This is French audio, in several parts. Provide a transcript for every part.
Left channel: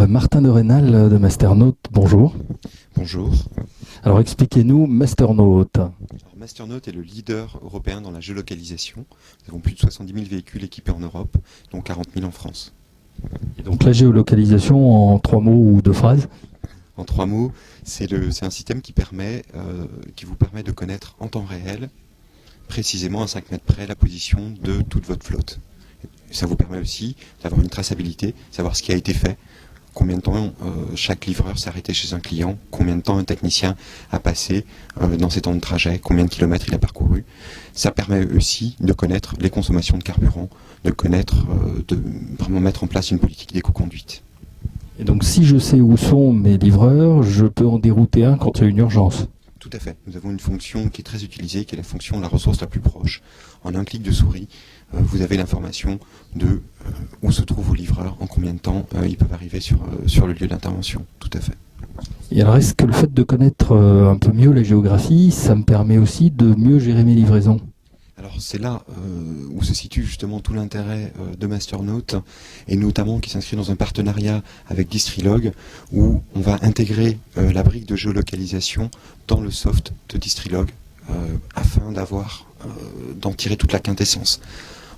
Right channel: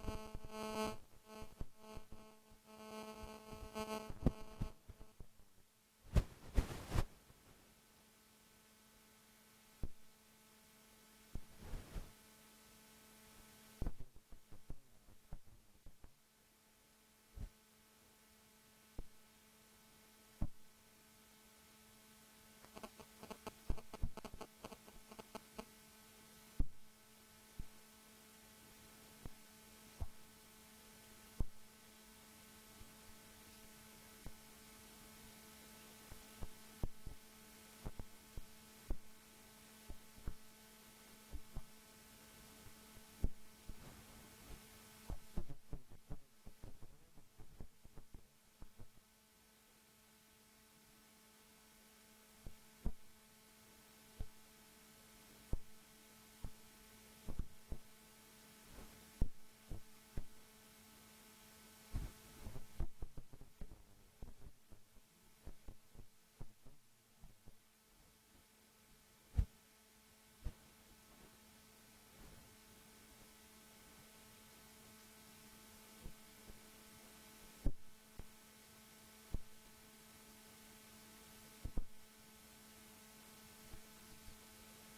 Alors, Martin de Rênal de Masternaut, bonjour. Bonjour. Alors, expliquez-nous Masternaut. Masternaut est le leader européen dans la géolocalisation. Nous avons plus de 70 000 véhicules équipés en Europe, dont 40 000 en France. Et donc, la géolocalisation en 3 mots ou 2 phrases? En 3 mots, c'est un système qui vous permet de connaître en temps réel, précisément à 5 mètres près, la position de toute votre flotte. Ça vous permet aussi d'avoir une traçabilité, savoir ce qui a été fait, combien de temps chaque livreur s'est arrêté chez un client, combien de temps un technicien a passé dans ses temps de trajet, combien de kilomètres il a parcouru. Ça permet aussi de connaître les consommations de carburant, de connaître, de vraiment mettre en place une politique d'éco-conduite. Et donc, si je sais où sont mes livreurs, je peux en dérouter un quand il y a une urgence? Tout à fait. Nous avons une fonction qui est très utilisée, qui est la ressource la plus proche. En un clic de souris, vous avez l'information de où se trouvent vos livreurs, en combien de temps ils peuvent arriver sur le lieu d'intervention. Tout à fait. Et alors, est-ce que le fait de connaître un peu mieux la géographie, ça me permet aussi de mieux gérer mes livraisons? Alors c'est là où se situe justement tout l'intérêt de Masternaut, et notamment qui s'inscrit dans un partenariat avec Distrilog, où on va intégrer la brique de géolocalisation dans le soft de Distrilog, afin d'en tirer toute la quintessence.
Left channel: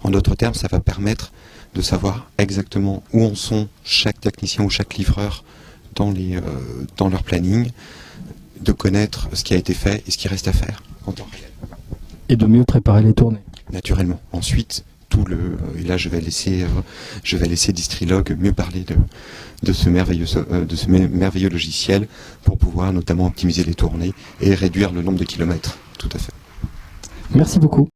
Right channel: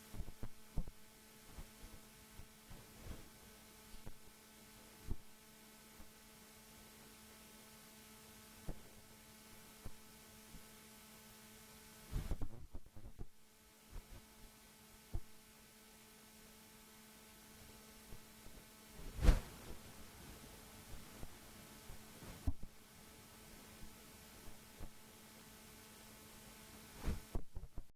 En d'autres termes, ça va permettre de savoir exactement où en sont chaque technicien ou chaque livreur dans leur planning, de connaître ce qui a été fait et ce qui reste à faire en temps réel. Et de mieux préparer les tournées? Naturellement. Ensuite, et là je vais laisser Distrilog mieux parler de ce merveilleux logiciel pour pouvoir notamment optimiser les tournées et réduire le nombre de kilomètres. Tout à fait. Merci beaucoup.